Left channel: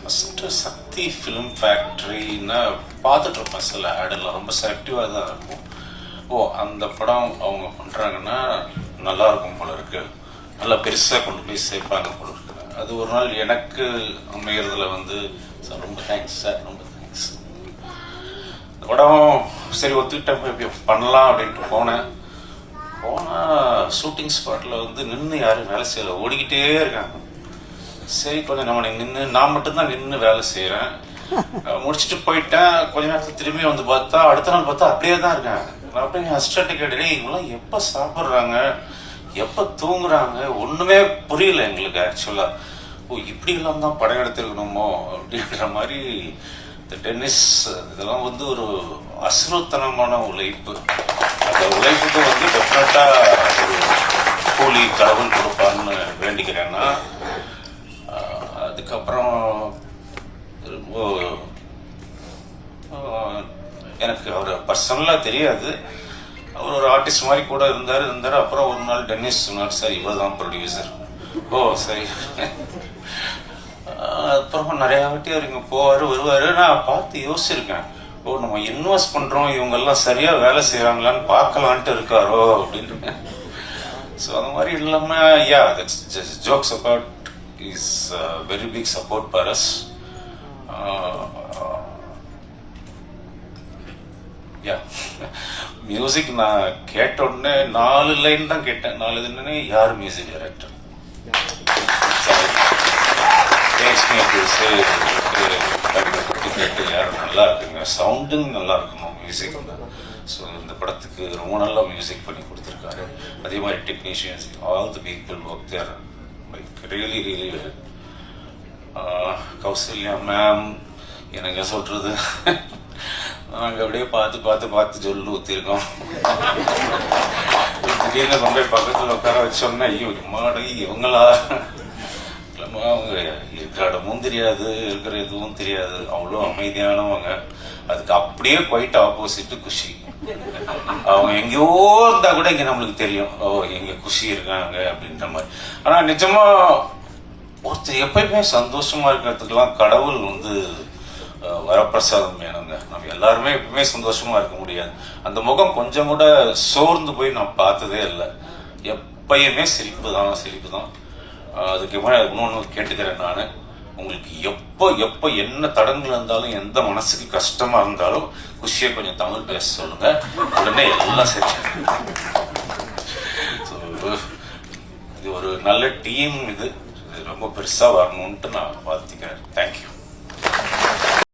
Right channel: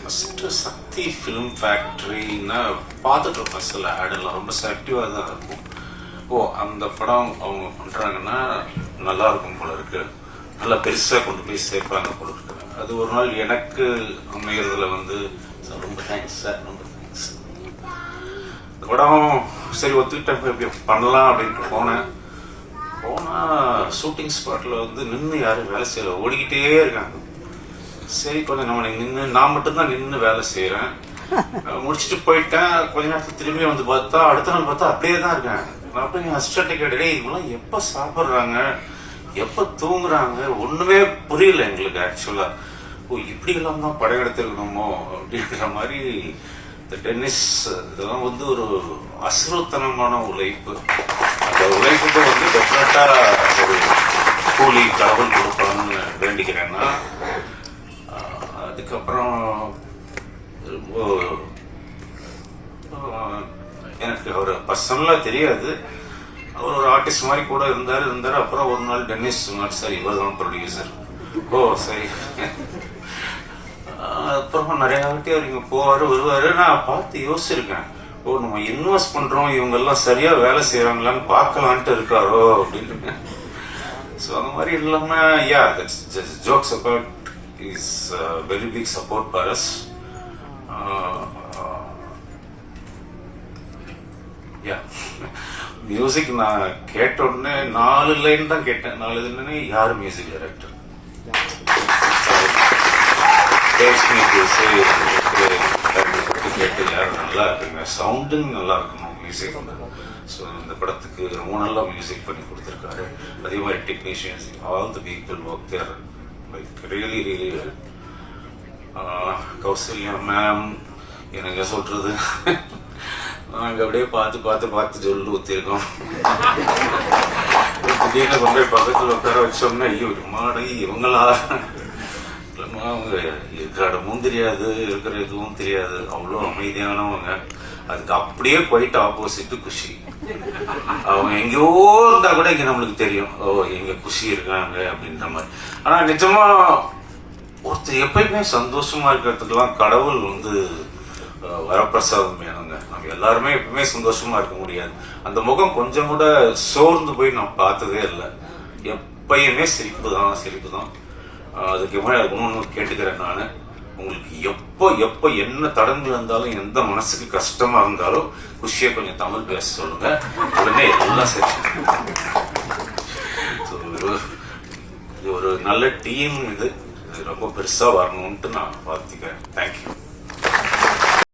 First சக்தி film ஃபேக்ட்ரின்னா பார்த்துட்ருப்பேன். சில ஆடெல்லாம் ரொம்ப செலக்டிவாக தான் இருக்கும். அந்த படம் அவங்க பண்ணுறாங்கன்னா நல்லா இருக்கும் போல இருக்கு, நல்லா பெருசாக கொண்டு போய் சேர்ப்பாங்க போல இருக்கு. அது ஒரு நாள் எனக்கு அமைகிறதுல வந்து சார் ரொம்ப தேங்க்ஸ் சார், ரொம்ப தேங்க்ஸ். இந்த படம் சரி ஒத்துக்கிட்ட இப்படி பண்ணலாம் அப்படின்ட்டு போனால் ஷூட்டிங் ஸ்பாட்டில் வந்து நின்று யாரும் வேலை செய்யலை, ஓடிக்கிட்டே இருக்காங்க. சரி கொஞ்சம் நம்ம நின்று, நான் மட்டும்தான் நின்று வேலை செய்கிறேன். முடிச்சுட்டு போயிட்டேன். கொஞ்ச நேரத்துக்கு திரும்பி வந்து பார்த்தா அடுத்த நாள் பார்த்தா அப்படியே தான் இருக்கேன். அப்படியே அசிஸ்டன்ட்டை கேட்டே, இவங்களாம் எப்போ சாப்பிட்றாங்க, எப்போ தூங்குறாங்க, ஒன்றுமே புரியல எங்களுக்கு ஆக்சுவலாக. இப்படியெல்லாம் தான் படம் எடுத்துருக்கணுமோ அப்படின்ற மாதிரி. இந்த டென்னிஸ் இதெல்லாம் வந்து ஒரு அசுரத்தனமான உழைப்பு. அந்த உழைப்புக்கு வந்து டெஃபினட்டாக ஒரு கூலி கடவுள் கொடுப்பான்னு வேண்டிக்கிறேன்னா. அதுக்கப்புறம் எனக்கு அவர் பர்சனலாக தெரியாது, அவர் ஒரு ஆர்டிஸ்ட் மாதிரி கூட இருந்தார். அப்புறம் ஒரு நாள் டென்னிஸ் சொன்னார், சார் இவர் தான் ப்ரொடியூசர். சரி. அப்புறம் நிறையா வாட்டி அவர் இங்கே போவார் வருவார். நான் பார்த்து யோசிச்சிருக்கேன், நம்ம இன்வெஸ்ட் பண்ணுறோம், இவங்கெல்லாம் சரியாக வேலை செய்கிறாங்களான்னு பார்க்கலான்ட்டு இருக்காரோ அப்படின்னு. ஸோ அந்த மாதிரி இல்லாமல் jokes about is very big support for us. Music நான் கேட்ட உடனே 4 லைன் தான் கேட்டேன். 4 லைன் யார் மியூசிக் டைரக்டர் கேட்டு யாரும் நல்லா இருக்குங்க, சவுண்டிங் நல்லா இருக்கணும் மியூசிக். ஸோ இந்த படத்துக்கு ரொம்ப நல்லா மியூசிக் பண்ணி கொடுத்துருக்காரு. அதே மாதிரி technicians, all the people work there like really really well. Kausalya ma'am எனக்கு சொல்றது, நாங்கள் அப்படியே பார்த்து சொல்லு ஊற்றிருக்கோம். திடீர்னு கொண்டு போய் பக்கத்தில் உட்கார வச்சோம்னா, ஐயோ மாடு இவங்களா, அவங்க இருக்கிற இடமும் தெரியாது, இருக்கிற எதுவும் தெரியாது, அவ்வளோ அமைதியானவங்க. அதுக்கு அப்படியே போயிட்டு ஆப்போசிட்டு குஷி. அவங்க எங்கேயோ இருந்தா கூட இங்க நம்மளுக்கு தெரியும், எங்க குஷி இருக்காங்க அப்படின்ற மாதிரி. ஆனா நிஜமா ஒருத்தர் எப்பயுமே சந்தோஷமா இருக்கிறதுக்கெல்லாம் கடவுள் வந்து வரப்பிரசாதம் வேணுங்க. நம்ம எல்லாருமே எப்பவுமே சந்தோஷமா இருக்க முடியாது. அந்த முகம் கொஞ்சம் கூட சோர்ந்து போய் நான் பார்த்ததே இல்லை. எப்பயுமே சிரிப்பு தான். அதுக்கு மேலே இன்னொன்று கேட்டுக்கிறேன் நான், உங்களுக்கு எப்போ என்ன தடங்கள் இருந்தாலும், எந்த மனசுக்கு கஷ்டமா இருந்தாலும் குஷியை கொஞ்சம் தமிழ் பேச சொல்லுங்க, உடனே எல்லாம் சரி. இது ஒரு நல்ல டீம், இது ரொம்ப பெருசா வரணும்ட்டு நான் வாழ்த்துக்கிறேன். தேங்க்யூ.